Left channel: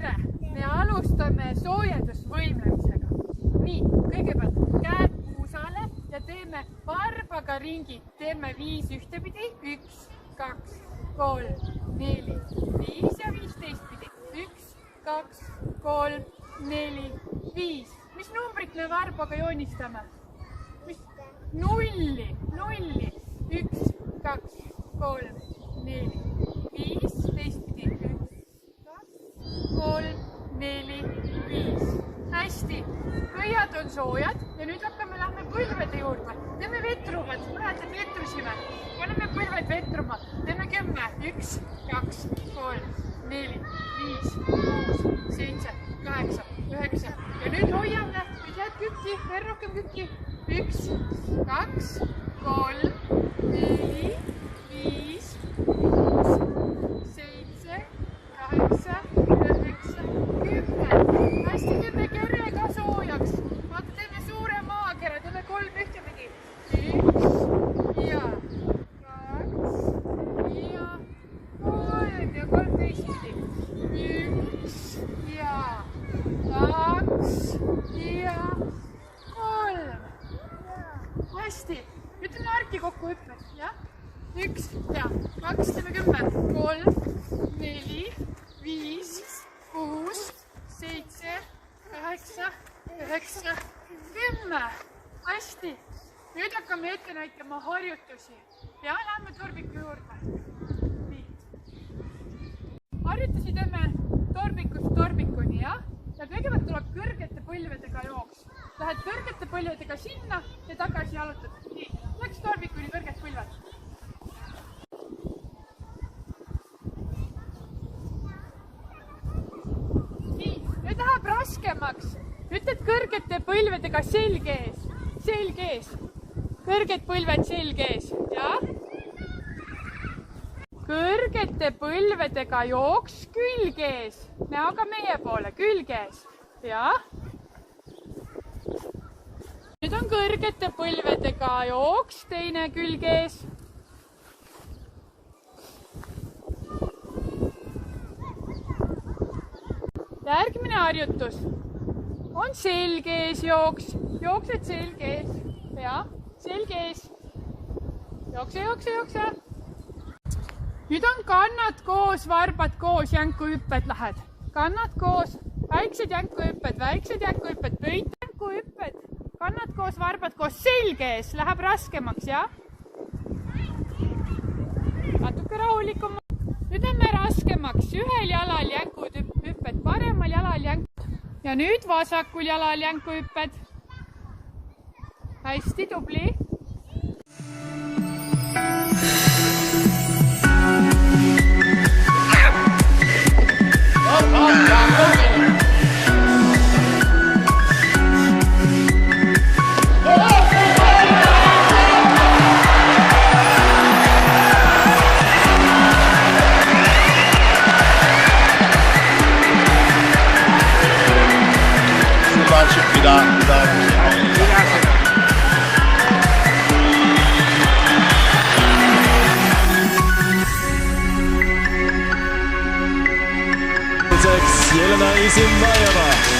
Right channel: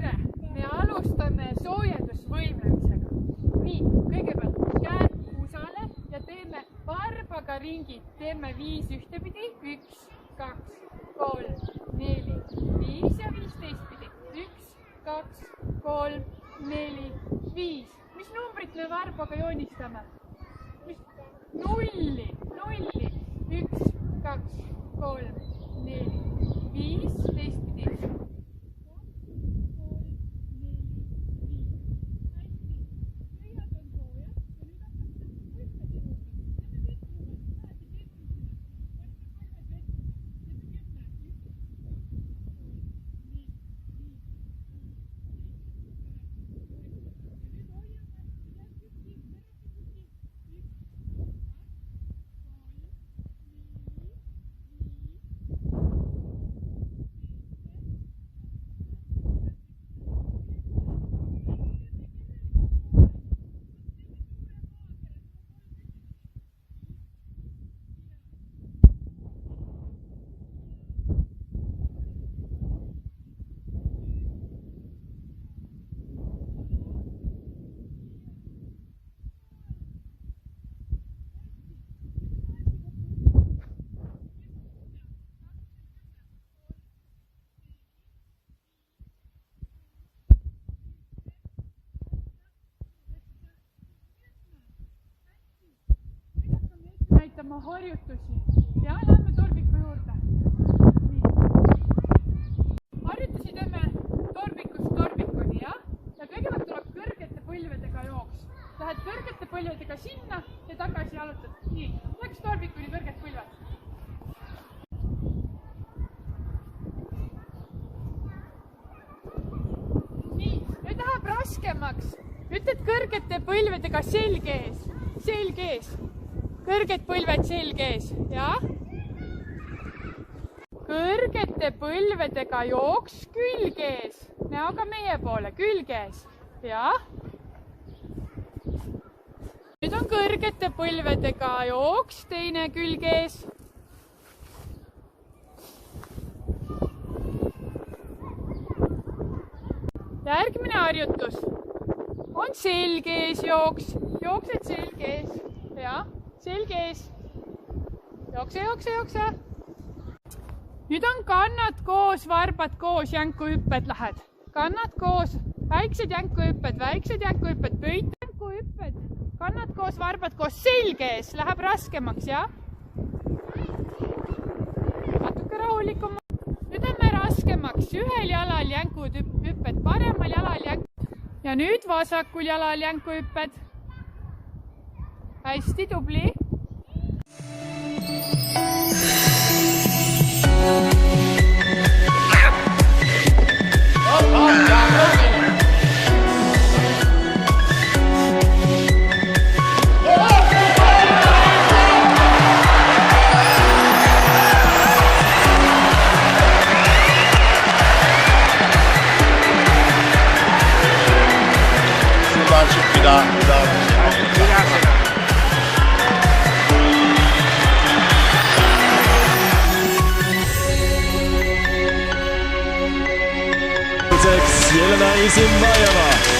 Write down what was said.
tere! Me alustame soojendusvõimlemisega. Nii, kõigepealt käed puusale ja teeme varbaga ringid. Teeme 5 ühtepidi. 1, 2, 3, 4, 5 ja 5 teistpidi. 1, 2, 3, 4, 5. Mis numbrit me varbaga joonistame? Nulli. 1, 2, 3, 4, 5, teistpidi. 1, 2, 3, 4, 5. Hästi, pöiad on soojad ja nüüd lähme põlvede juurde. Teeme vetruvad, mäletad vetrusime. Paneme põlved vetruma. Teeme 10. 1, 2, 3, 4, 5, 6, 7, 8, 9. Ja nüüd hoiame, nüüd jääd kükki, veel rohkem kükki. 1, 2, 3, 4, 5, 6, 7, 8, 9, 10. Hästi, teeme kere ka soojaks. Vaata, teeme suure maakere, teeme 3 ühtepidi. 1 ja 2 ja 3 ja 3 teistpidi. 1 ja 2 ja 3. Hästi, nüüd teeme arki kokku hüppes, jah? 1 ja 2, teeme 10, 3, 4, 5, 6, 7, 8, 9, 10. Hästi, nüüd hakkame ette näitama harjutusi ja läheme torbiku juurde. Nii. Harjutusi teeme torbikust torbikuni, jah? Ja kõigepealt tuleb kõrgete põlvedega jooks. Lähed kõrgete põlvedega sinna ja tagasi jalutad. Nii, läks torbikuni kõrged põlved. Nii, nüüd läheb raskemaks. Ütled kõrgete põlvedega selg ees. Selg ees. Kõrged põlved selg ees. Ja? Kõrgete põlvedega jooks külg ees. Näoga meie poole, külg ees. Ja? Nüüd on kõrgete põlvedega jooks, teine külg ees. Järgmine harjutus on selg ees jooks. Jooksed selg ees. Ja, selg ees. Jookse. Nüüd on kannad koos, varbad koos, jänkuhüpped lähed. Kannad koos, väiksed jänkuhüpped, pöid jänkuhüpped. Kannad koos, varbad koos, selg ees, läheb raskemaks, jah? Natuke rahulikum. Nüüd on raskemaks, ühel jalal jänkuhüpped, paremal jalal jänkuhüpped. Ja nüüd vasakul jalal jänkuhüpped. Hästi, tubli. Jelena Isinbajeva.